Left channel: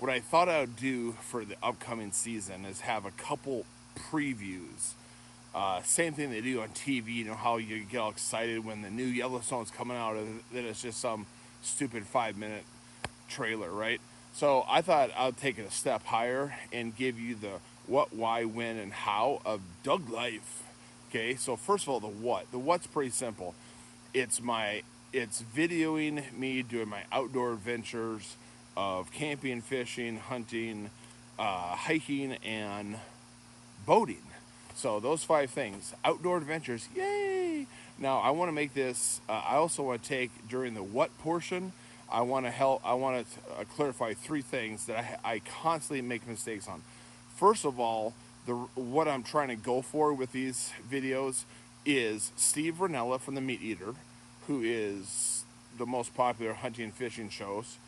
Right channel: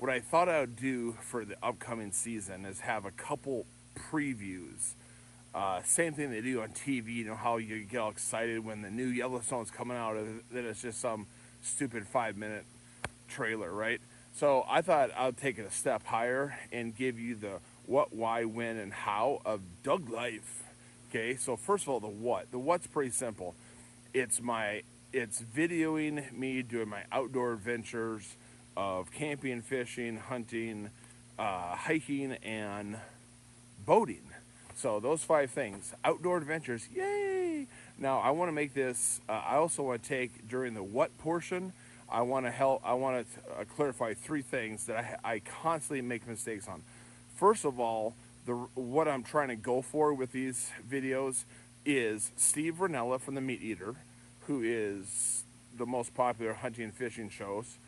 What I thought I would do for the upcoming season is have a couple previews. Same thing they do on TV. You know how you get all excited when the new Yellowstone's coming out, and then it's just some stupid 5 minute trailer, right? So I thought I'd take it a step higher and give you the what, why, when, and how of Doug life. Okay, so first of all, the what. The what's pretty simple. It's videoing me doing my outdoor adventures of camping, fishing, hunting, hiking, and boating. So those 5 things, outdoor adventures, yay! Now I want to make this. I also want to take during the what portion. I want to help. I want to clarify 3 things that I constantly make mistakes on. First of all, what I'm trying to go for with these videos is Steve Ranella from the Meat Eater, who is the most popular hunting and fishing shows,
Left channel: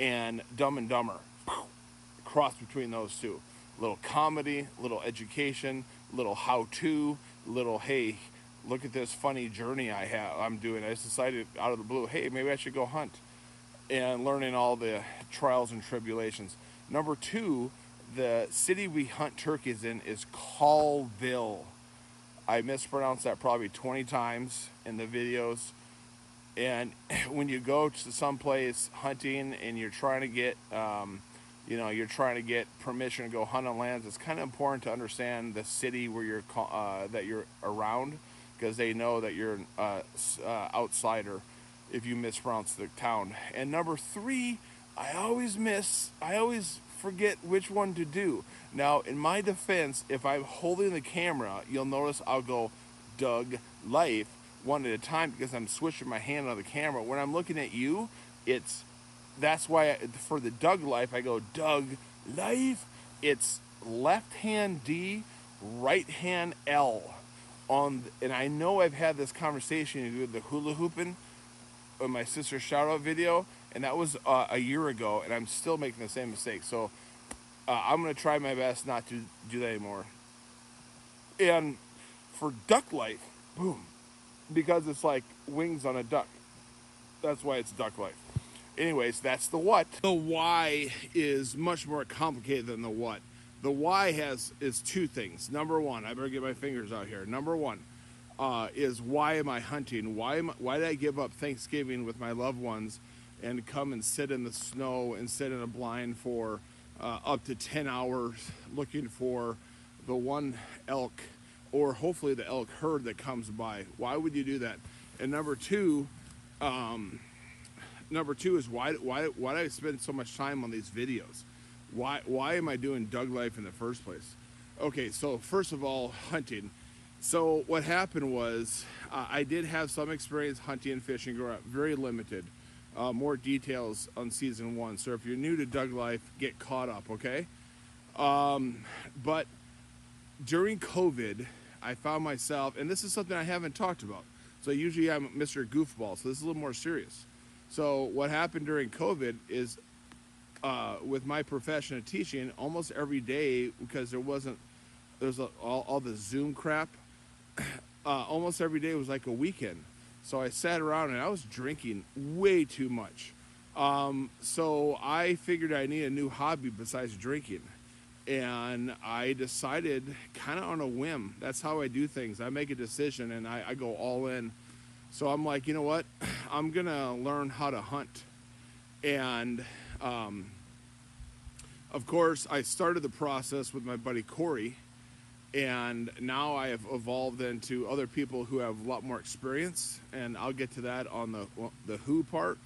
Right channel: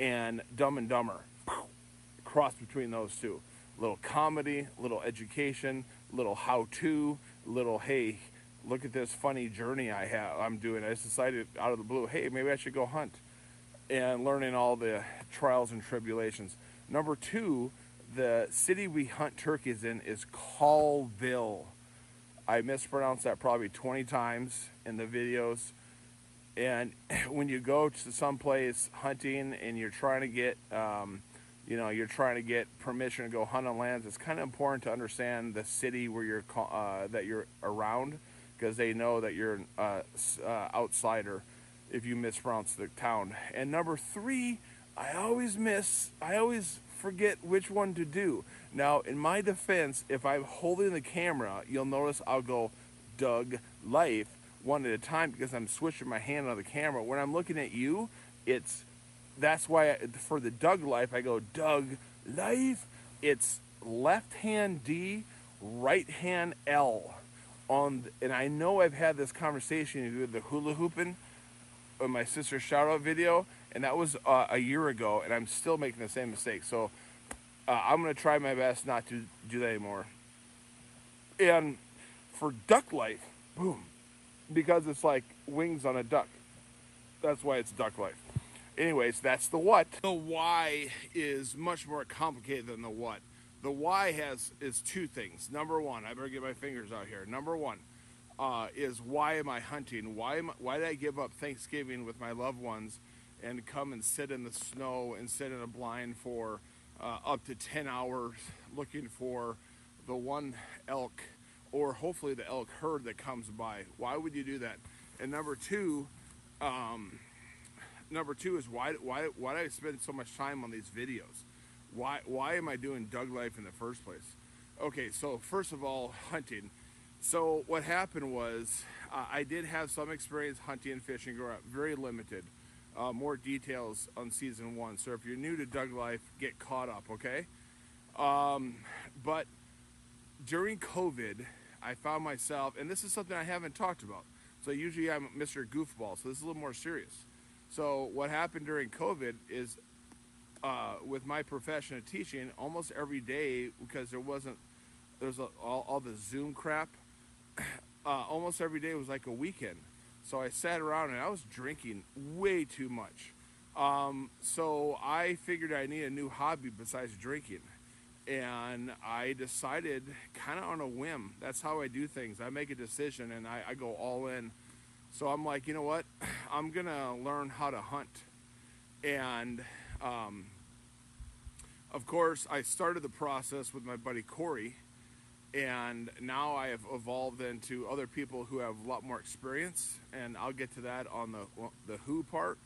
and Dumb and Dumber. Cross between those two. Little comedy, little education, little how-to, little hey, look at this funny journey I'm doing. I just decided out of the blue, hey, maybe I should go hunt, and learning all the trials and tribulations. Number 2, the city we hunt turkeys in is Colville. I mispronounced that probably 20 times in the videos. And when you go to some place hunting and you're trying to get, you're trying to get permission to go hunt on lands, it's kind of important to understand the city where that you're around, because they know that you're an outsider if you mispronounce the town. And number 3, I always forget which one to do. Now, in my defense, if I'm holding the camera, you'll notice I'll go Doug Life one at a time because I'm switching my hand on the camera. When I'm looking at you, that's why for the Doug Life, I go Doug Life. It's left hand D, right hand L. And I know I've had this conversation with the hula hooping in my sister's shout out video, and that was a year ago, and I'm still making the same mistake. So I'm going to try my best not to do that anymore. And for Duck Life, boom, because it's like wings on a duck. That's why it's Duck Life. Anyways, that's the what. The why is much more complicated than the what. The why is 2 things. Number 1, I better get my fingers out here. Number 1 is why am I hunting? Why did I give up Thanksgiving with my loved ones and come and sit in the snow and sit in a blind for up to 10 hours looking for the one elk, or hopefully the elk herd that comes by? Why would you do that? And number 2 is why do I spend so much time on these videos? Why am I doing Doug Life in the first place? Okay, so first of all, hunting. So what happened was I did have some experience hunting and fishing growing up, very limited. More details on season 1. So if you're new to Doug Life, get caught up, okay? But during COVID, I found myself, and this is something I haven't talked about. So usually I'm Mr. Goofball, so this is a little more serious. So what happened during COVID is with my profession of teaching, almost every day, because there's all the Zoom crap, almost every day was like a weekend. So I sat around and I was drinking way too much. So I figured I need a new hobby besides drinking. And I decided kind of on a whim. That's how I do things. I make a decision and I go all in. So I'm like, you know what? I'm going to learn how to hunt. And of course, I started the process with my buddy Corey. And now I have evolved into other people who have a lot more experience. And I'll get to that on the who part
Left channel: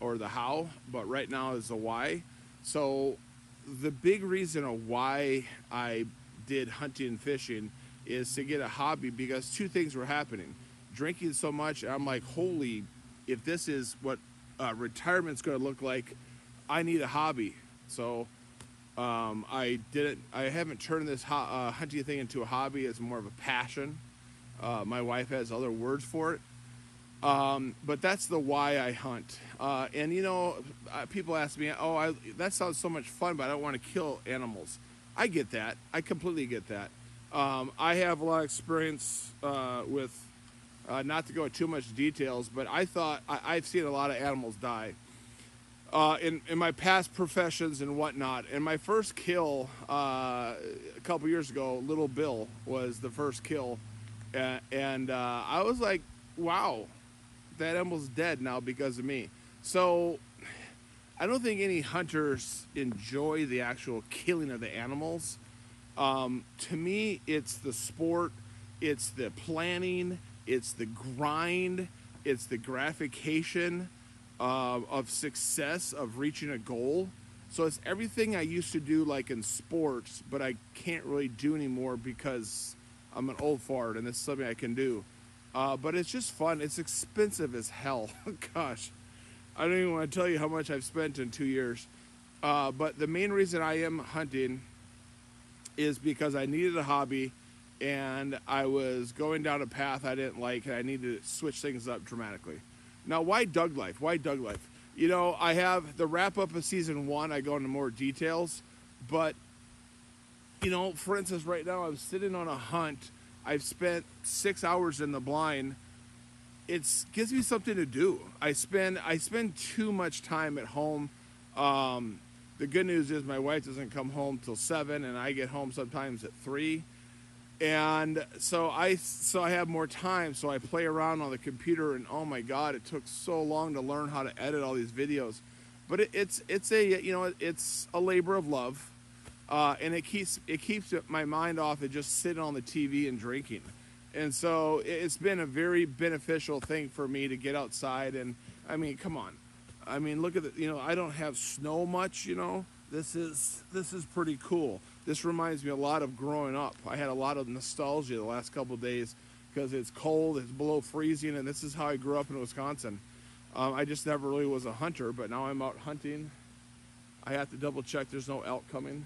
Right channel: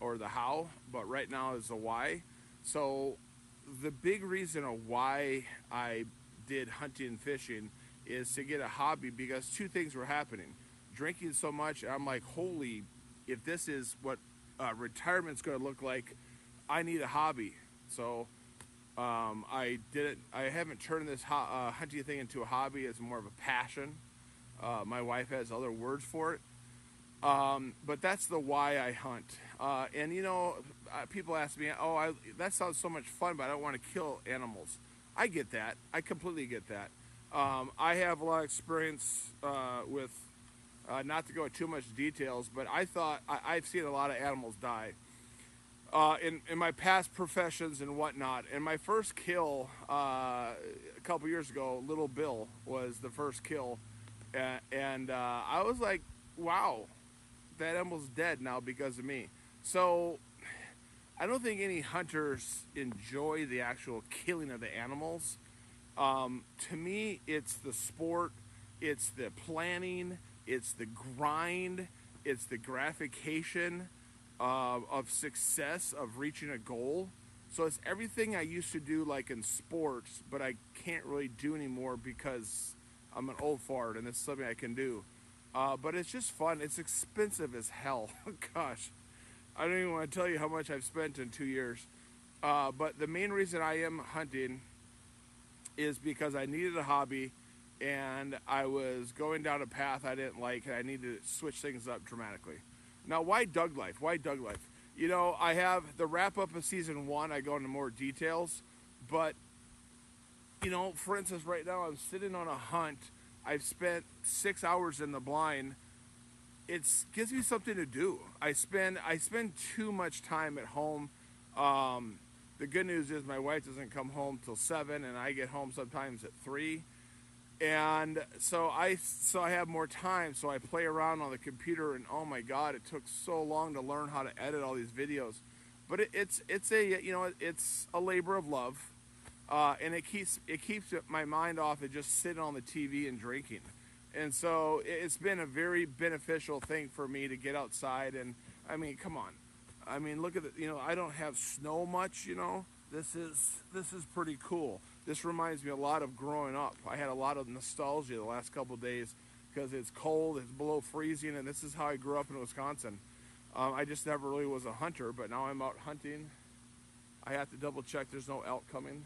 or the how. But right now is the why. So the big reason of why I did hunting and fishing is to get a hobby, because 2 things were happening. Drinking so much, I'm like, holy, if this is what retirement's going to look like, I need a hobby. So I haven't turned this hunting thing into a hobby. It's more of a passion. My wife has other words for it. But that's the why I hunt. And you know, people ask me, that sounds so much fun, but I don't want to kill animals. I get that. I completely get that. I have a lot of experience with, not to go into too much details, but I've seen a lot of animals die. in my past professions and whatnot. And my first kill a couple years ago, Little Bill was the first kill, and I was like, wow, that animal's dead now because of me. So I don't think any hunters enjoy the actual killing of the animals. To me, it's the sport, it's the planning, it's the grind, it's the gratification of success, of reaching a goal. So it's everything I used to do like in sports, but I can't really do anymore because I'm an old fart and this is something I can do. But it's just fun. It's expensive as hell. Gosh, I don't even want to tell you how much I've spent in 2 years. But the main reason I am hunting is because I needed a hobby and I was going down a path I didn't like and I needed to switch things up dramatically. Now, why Doug Life? Why Doug Life? You know, I have the wrap up of season 1. I go into more details, but you know, for instance, right now I'm sitting on a hunt. I've spent 6 hours in the blind. It gives me something to do. I spend too much time at home. The good news is my wife doesn't come home till 7, and I get home sometimes at 3. And so I have more time, so I play around on the computer, and oh my God, it took so long to learn how to edit all these videos. But it's a labor of love, and it keeps my mind off of just sitting on the TV and drinking. And so it's been a very beneficial thing for me to get outside. And I mean, come on, I mean, look at the, you know, I don't have snow much, you know. This is pretty cool. This reminds me a lot of growing up. I had a lot of nostalgia the last couple of days because it's cold, it's below freezing, and this is how I grew up in Wisconsin. I just never really was a hunter, but now I'm out hunting. I have to double check there's no elk coming.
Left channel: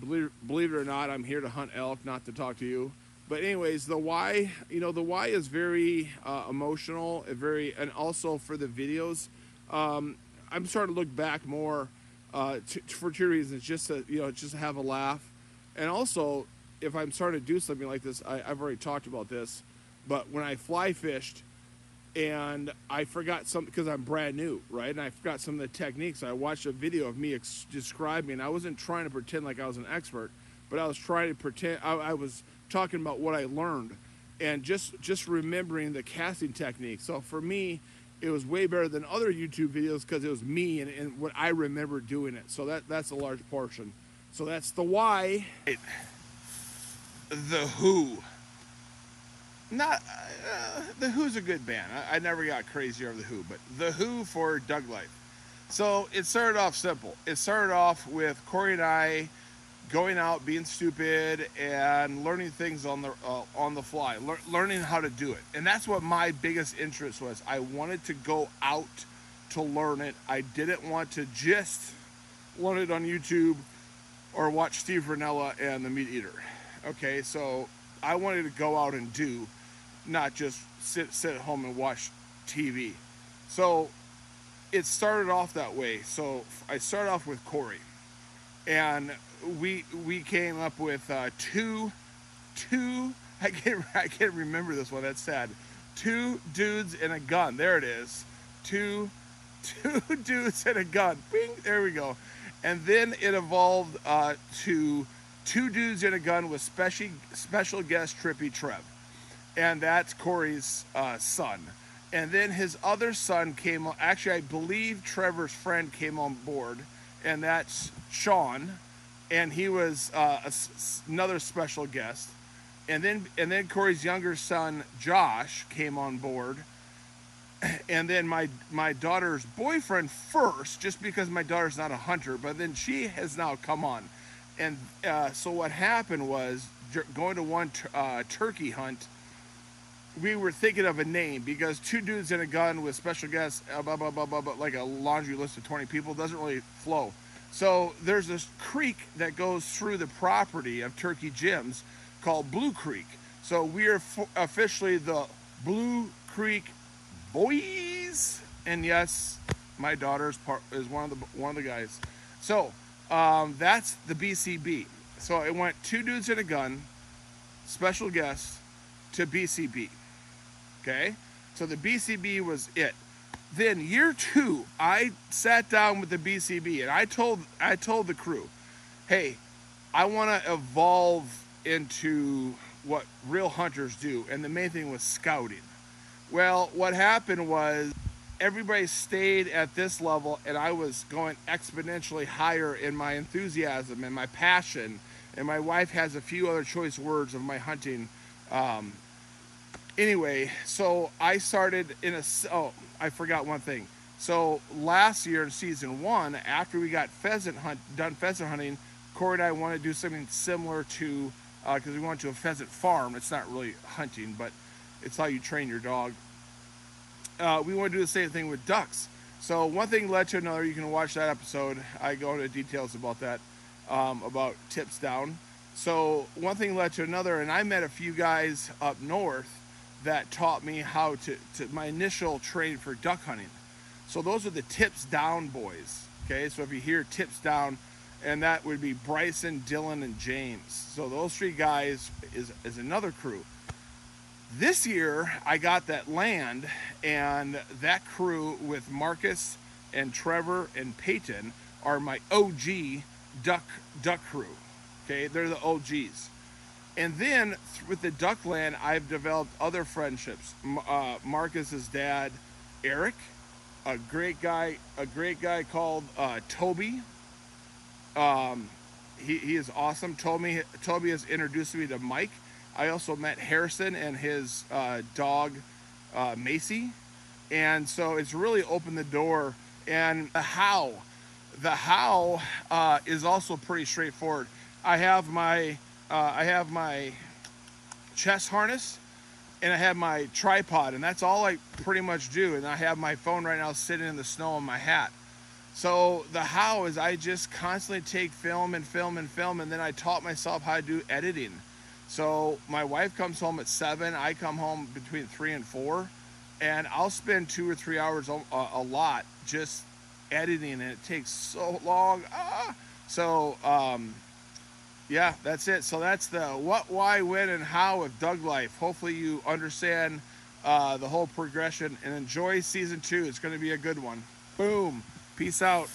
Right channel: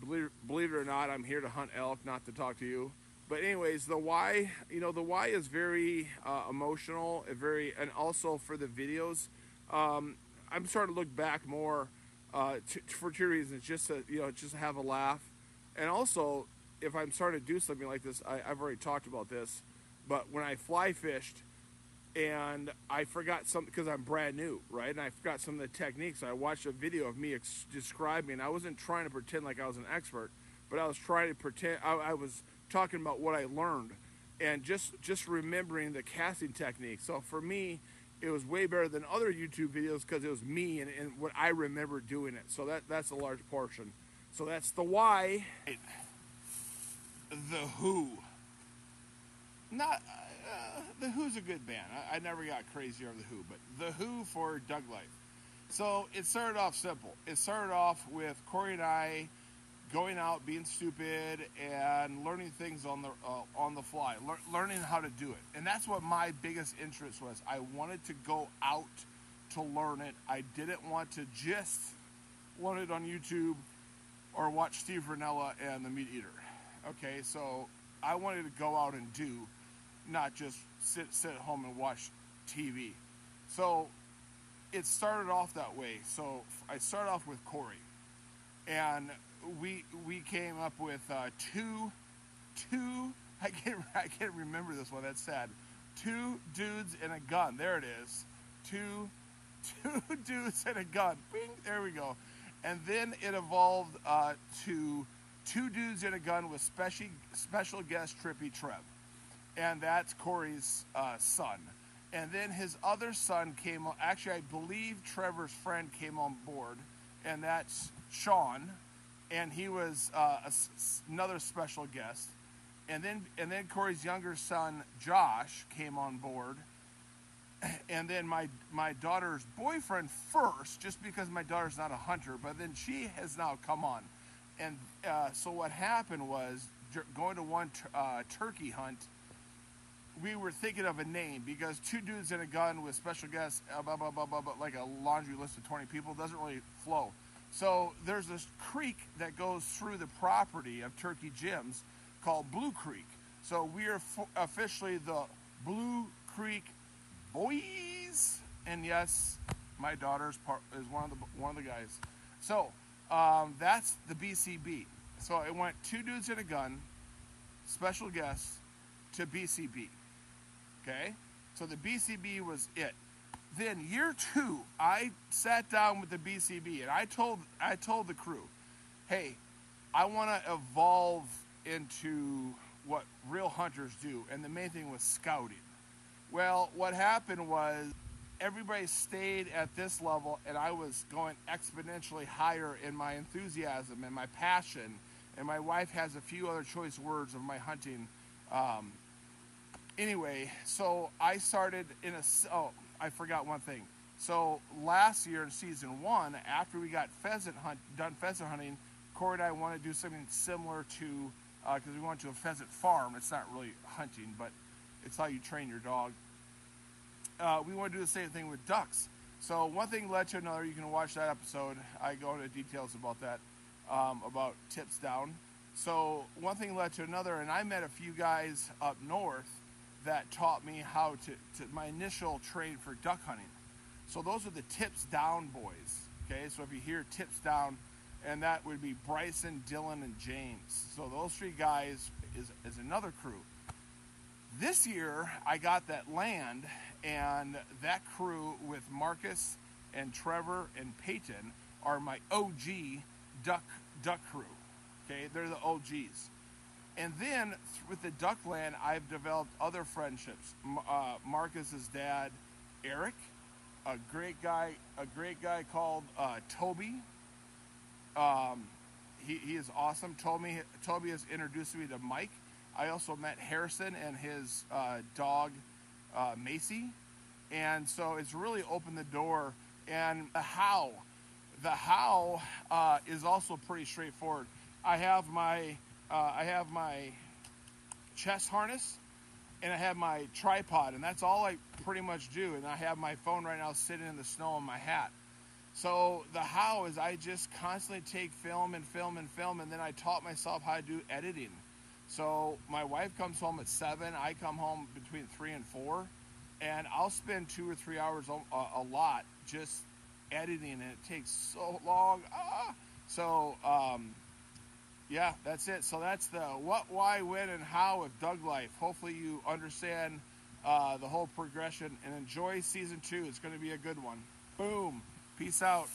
Believe it or not, I'm here to hunt elk, not to talk to you. But anyways, the why, you know, the why is very emotional, and also for the videos. I'm starting to look back more for 2 reasons, just to have a laugh, and also if I'm starting to do something like this, I've already talked about this, but when I fly fished and I forgot something because I'm brand new, right, and I forgot some of the techniques, I watched a video of me describing, and I wasn't trying to pretend like I was an expert, but I was trying to pretend, I was talking about what I learned and just remembering the casting technique. So for me, it was way better than other YouTube videos because it was me and what I remember doing it. So that's a large portion. So that's the why. The Who. Not The Who's a good band. I never got crazy over The Who, but The Who for Doug Life. So it started off simple. It started off with Corey and I going out, being stupid, and learning things on the fly, learning how to do it. And that's what my biggest interest was. I wanted to go out to learn it. I didn't want to just learn it on YouTube or watch Steve Ranella and the Meat Eater. Okay, so I wanted to go out and do, not just sit at home and watch TV. So it started off that way. So I started off with Corey, and we came up with two I can't remember this one, that's sad. 2 dudes and a gun. There it is. Two dudes and a gun. Bing, there we go. And then it evolved to 2 dudes and a gun with special guest Trippy Trev, and that's Corey's son. And then his other son came. Actually, I believe Trevor's friend came on board, and that's Sean. And he was another special guest, and then Corey's younger son Josh came on board, and then my daughter's boyfriend first, just because my daughter's not a hunter, but then she has now come on, and so what happened was, going to one turkey hunt, we were thinking of a name because 2 dudes and a gun with special guests, blah blah blah blah, blah, like a laundry list of 20 people doesn't really flow. So there's this creek that goes through the property of Turkey Jim's called Blue Creek. So we are officially the Blue Creek BOYZ. And yes, my daughter is one of the guys. So that's the BCB. So it went 2 dudes and a gun, special guest, to BCB. Okay, so the BCB was it. then year 2, I sat down with the BCB and I told the crew, hey, I want to evolve into what real hunters do, and the main thing was scouting. Well, what happened was everybody stayed at this level, and I was going exponentially higher in my enthusiasm and my passion. And my wife has a few other choice words of my hunting. Anyway, so I started in a. Oh, I forgot one thing. So last year in season 1, after we got done pheasant hunting, Corey and I wanted to do something similar to, because we went to a pheasant farm. It's not really hunting, but it's how you train your dog. We want to do the same thing with ducks. So one thing led to another. You can watch that episode. I go into details about that, about tips down. So one thing led to another, and I met a few guys up north that taught me how to my initial training for duck hunting. So those are the tips down boys. Okay, so if you hear tips down, and that would be Bryson, Dylan, and James. So those 3 guys is another crew. This year, I got that land, and that crew with Marcus and Trevor and Peyton are my OG duck crew. Okay, they're the OGs. And then with the duck land, I've developed other friendships. Marcus's dad, Eric, a great guy called Toby. He is awesome. Toby has introduced me to Mike. I also met Harrison and his dog, Macy. And so it's really opened the door. And the how is also pretty straightforward. I have my chest harness, and I have my tripod, and that's all I pretty much do. And I have my phone right now sitting in the snow in my hat. So the how is I just constantly take film, and then I taught myself how to do editing. So my wife comes home at 7, I come home between 3 and 4, and I'll spend 2 or 3 hours a lot just editing, and it takes so long. So yeah, that's it. So that's the what, why, when, and how of Doug life. Hopefully you understand the whole progression, and enjoy season 2. It's going to be a good one. Boom. Peace out.